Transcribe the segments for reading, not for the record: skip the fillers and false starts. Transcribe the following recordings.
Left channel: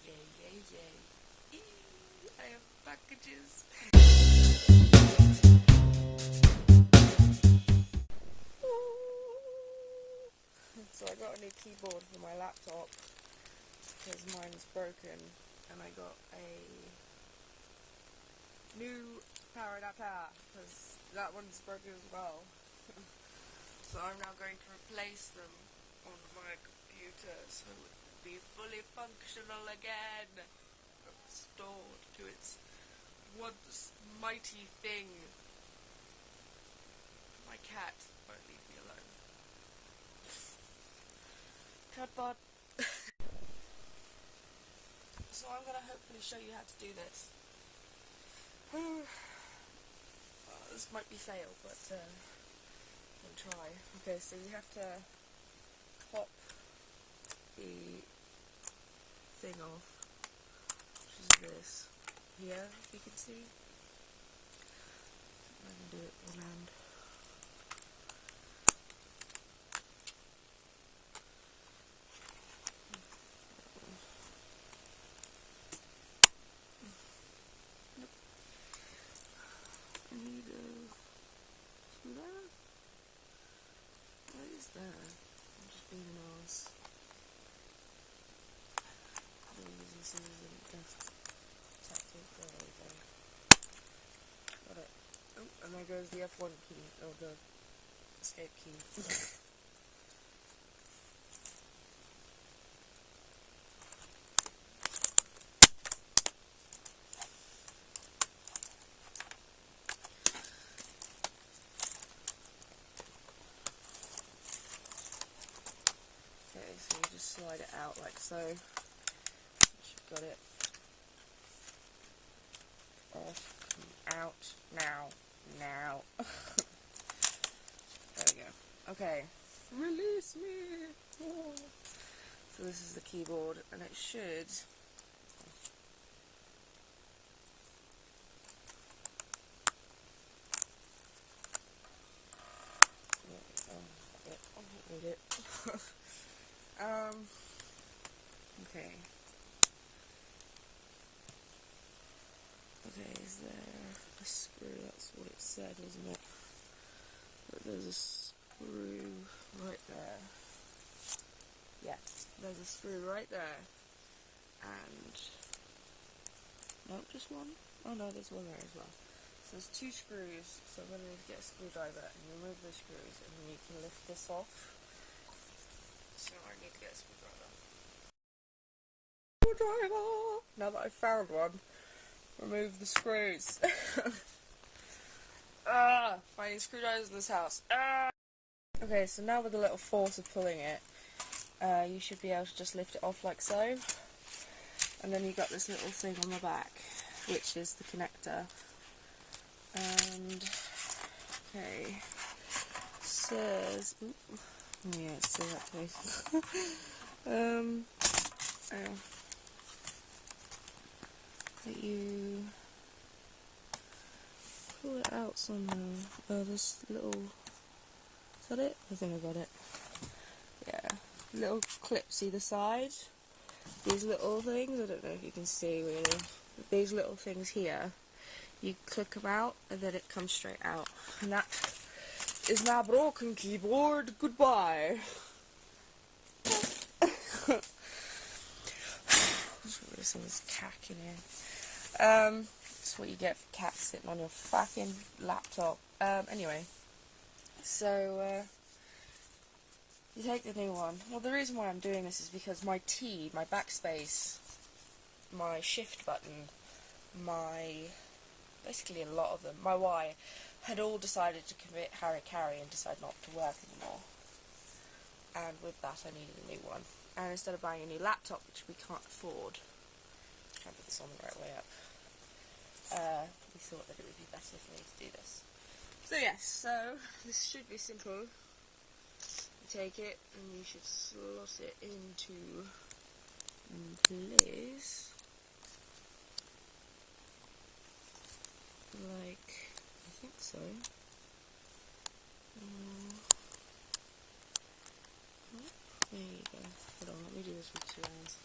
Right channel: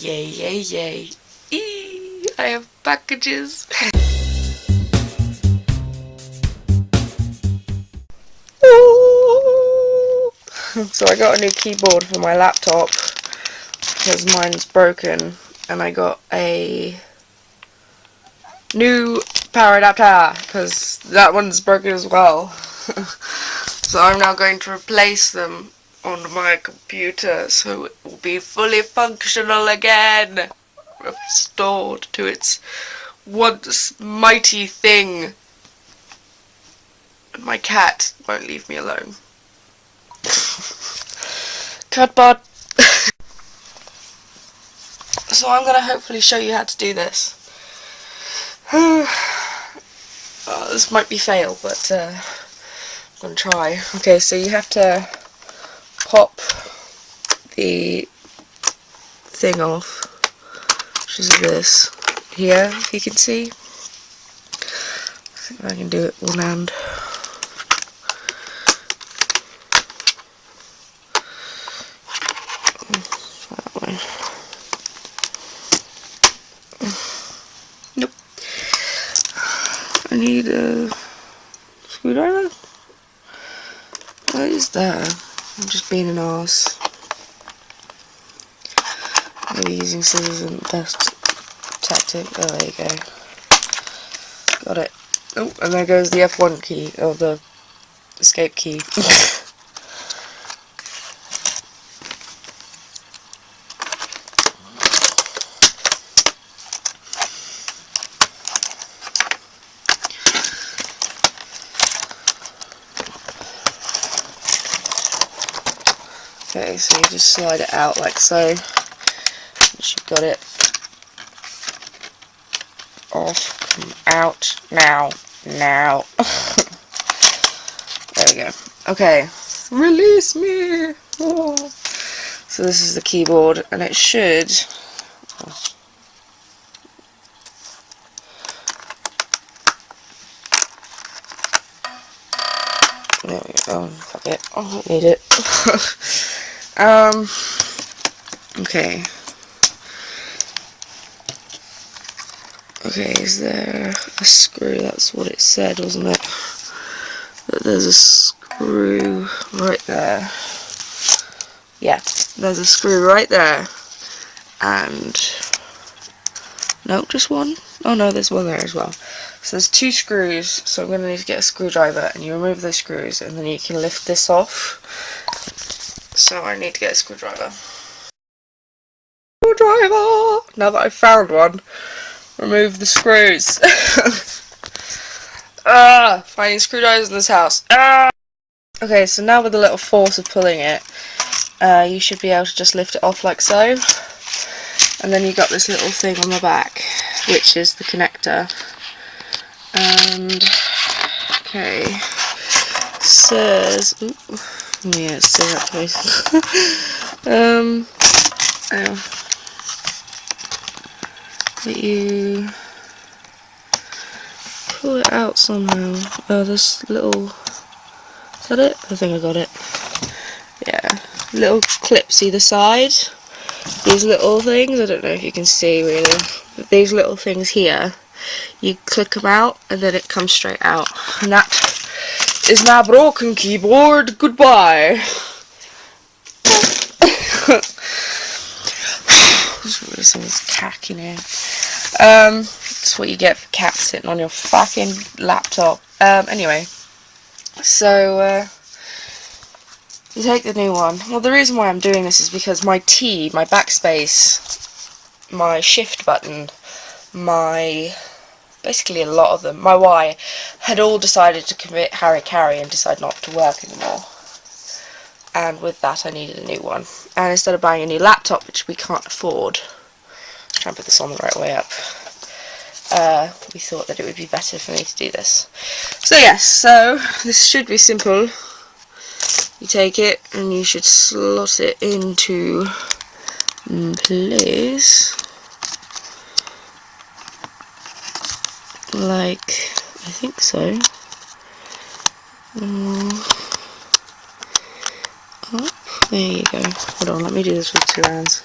Yay, yay, yay. I have packages. So I got a new keyboard for my laptop because mine's broken, and I got a new power adapter because that one's broken as well. So I'm now going to replace them on my computer so it will be fully functional again, restored to its once mighty thing. And my cat won't leave me alone. Cutbot. So I'm gonna hopefully show you how to do this. This might be fail, but I'm gonna try. Okay, so you have to pop the thing off, which is this here, if you can see. I think I can do it one hand. That way. Nope. I need a screwdriver. What is that? I'm just being an arse. Maybe using scissors isn't the best tactic. Oh, there you go. Got it. Oh, and there goes the F1 key, or the escape key. Okay, so you just slide it out like so. Once you've got it off, come out now. Now. There we go. Okay, release me. Oh. So this is the keyboard, and it should. There we go. Oh, fuck it. I don't need it. Okay. Okay, is there a screw? That's what it said, wasn't it? That there's a screw right there. Yeah, there's a screw right there. And no, just one? Oh no, there's one there as well. So there's two screws, so I'm going to need to get a screwdriver, and you remove those screws, and then you can lift this off. So I need to get a screwdriver. Screwdriver! Now that I've found one, remove the screws. Finding screwdrivers in this house. Okay, so now with a little force of pulling it, you should be able to just lift it off like so. And then you got this little thing on the back, which is the connector. And okay, says, ooh, yeah, it's still that place. That you pull it out somehow. Oh, this little, is that it? I think I got it. Yeah, little clips either side. These little things, I don't know if you can see really, but these little things here, you click them out and then it comes straight out. And that is my broken keyboard. Goodbye. There's this cack in here. That's what you get for cats sitting on your fucking laptop. Anyway, so you take the new one. Well, the reason why I'm doing this is because my T, my backspace, my shift button, basically a lot of them, my Y, had all decided to commit hara-kiri and decide not to work anymore. And with that I needed a new one. And instead of buying a new laptop, which we can't afford, try and put this on the right way up, we thought that it would be better for me to do this. So yes, so this should be simple. You take it and you should slot it into place, like, I think so. Up. There you go. Hold on, let me do this with two hands.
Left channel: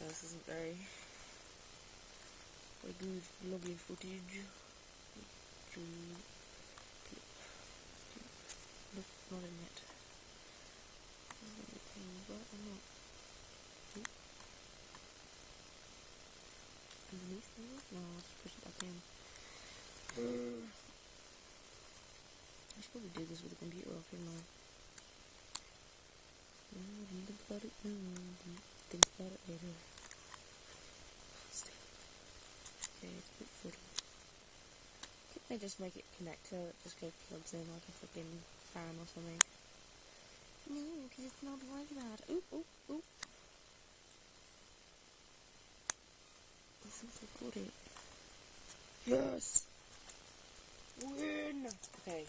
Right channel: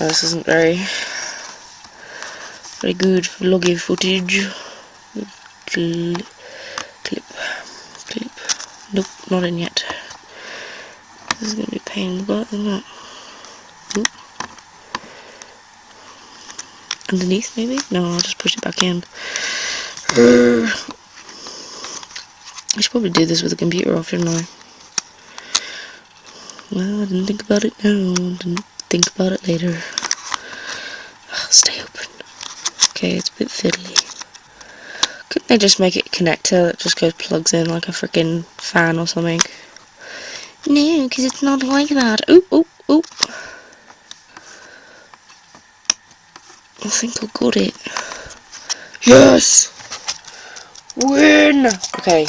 Oh, this isn't very good vloggy footage. Clip. Nope, not in yet. This is going to be a pain in the butt, isn't it? Oop. Underneath, maybe? No, I'll just push it back in. I should probably do this with the computer off, shouldn't I? Well, I didn't think about it now. Didn't think about it later. Stay open. Okay, it's a bit fiddly. Couldn't they just make it a connector that just goes plugs in like a freaking fan or something? No, because it's not like that. Oop, oop, oop. I think I got it. Yes! Win! Okay.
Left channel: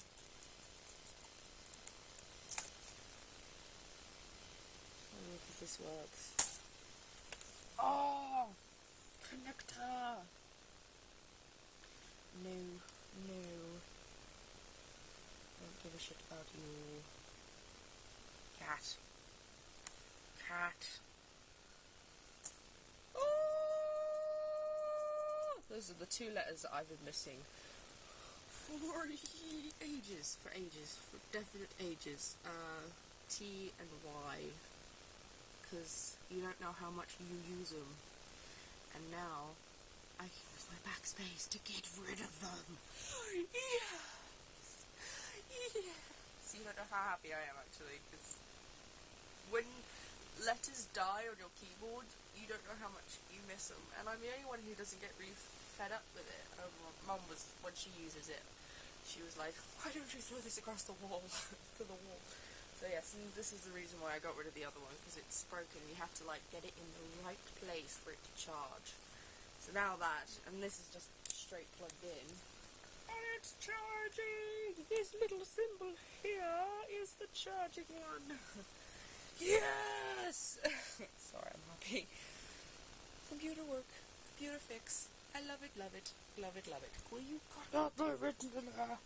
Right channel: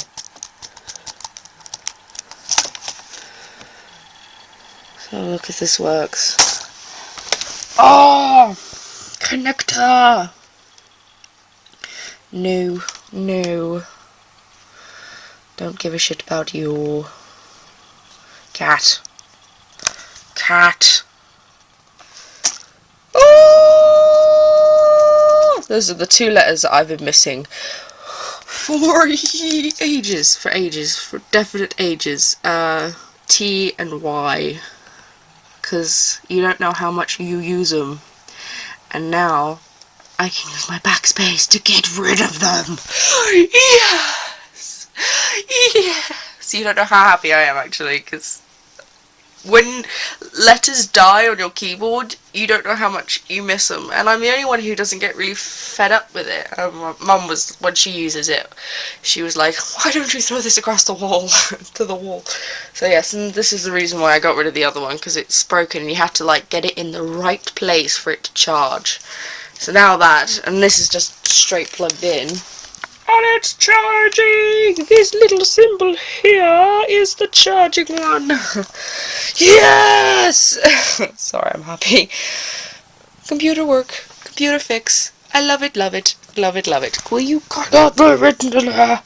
So look if this works. Oh! Connector! No, no. Don't give a shit about you. Cat. Cat. Oh! Those are the two letters that I've been missing for ages. For definite ages. T and Y. Because you don't know how much you use them. And now I can use my backspace to get rid of them. Yes! Yes! You don't know how happy I am actually, because when letters die on your keyboard, you don't know how much you miss them. And I'm the only one who doesn't get really fed up with it. My mum was, when she uses it, she was like, why don't you throw this across the wall, to the wall? So yes, and this is the reason why I got rid of the other one, because it's broken and you have to like get it in the right place for it to charge. So now that, and this is just straight plugged in, and it's charging! This little symbol here is the charging one. Yes! Sorry, I'm happy. Computer work, computer fix. I love it, love it, love it, love it. Will you cannot be written in there?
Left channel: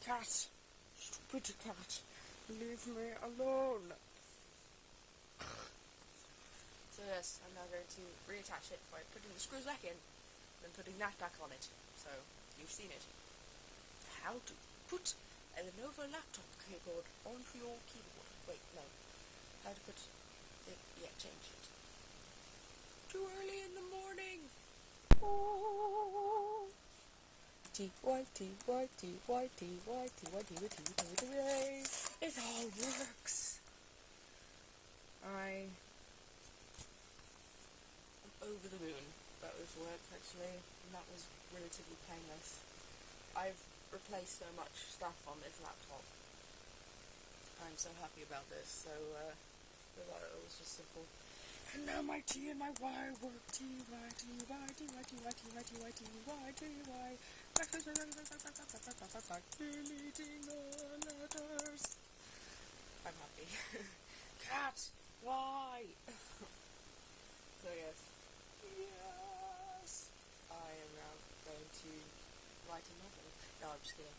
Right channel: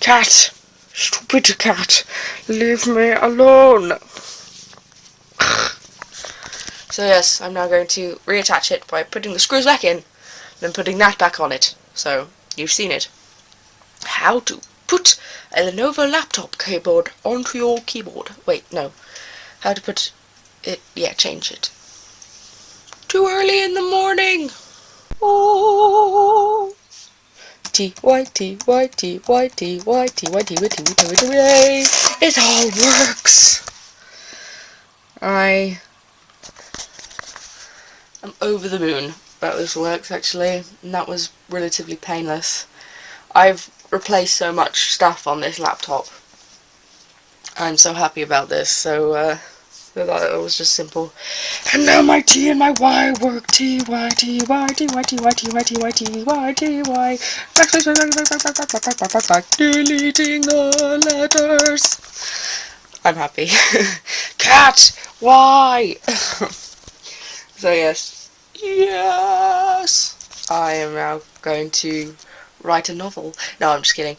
Cat. Stupid cat. Leave me alone. So yes, I'm now going to reattach it by putting the screws back in, then putting that back on it. So, you've seen it. How to put a Lenovo laptop keyboard onto your keyboard. Wait, no. How to put it, yeah, change it. Too early in the morning! Oh! T-Y-T-Y-T-Y-T-Y-T-Y-T-Y-T-Y-T-Y-T. It all works! I am over the moon about this works, actually, and that was relatively painless. I've replaced so much stuff on this laptop. I'm so happy about this, so that it was just simple. And now my T and my Y work. T, Y, T, Y, T, Y, T, Y, T, Y, T, Y, T, Y, T, Y. Deleting the letters. I'm happy. Cat, Y. So yes. Yes. I am now going to write a novel. No, I'm just kidding.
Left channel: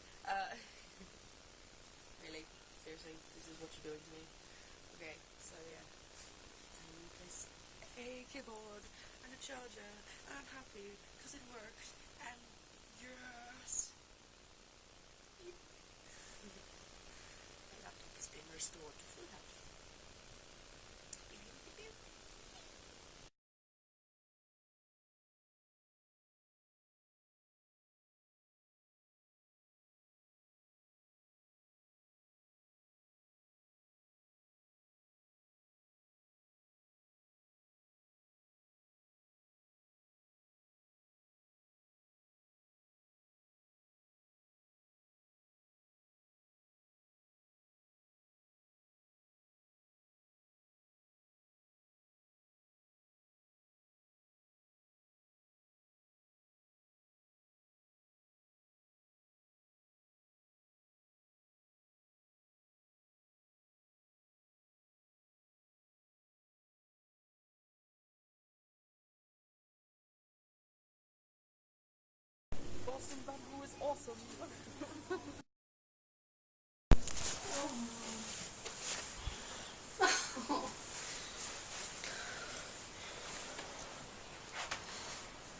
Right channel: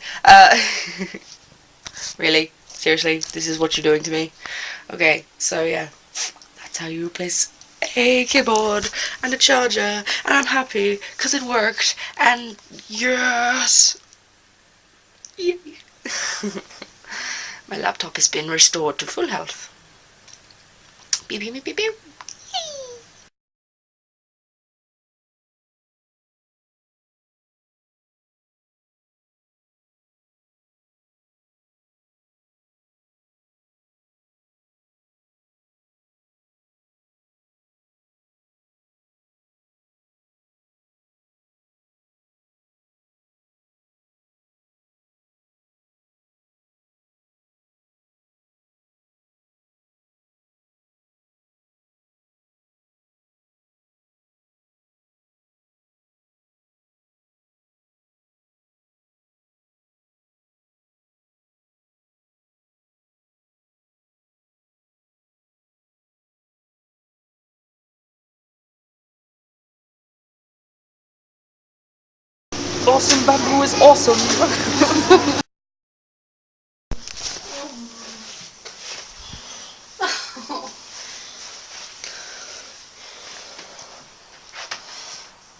Really? Seriously? This is what you're doing to me? Okay, so yeah. That's how you replace a keyboard and a charger. And I'm happy because it worked. And yes! Yay. My laptop has been restored to full health. Beep, beep, beep, beep, beep. Awesome bamboo is awesome.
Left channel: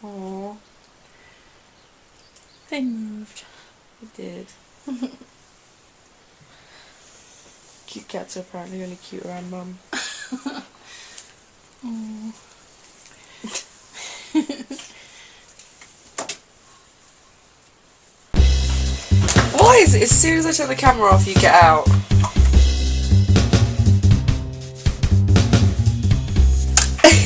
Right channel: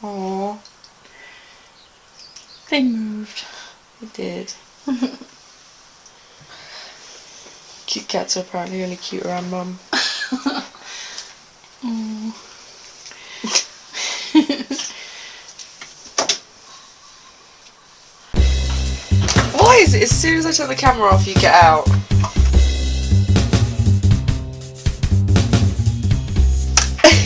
Aww. They moved. They did. Cute cats are apparently only cute around Mum. Aww. Why is it as soon as I turn the camera off you get out?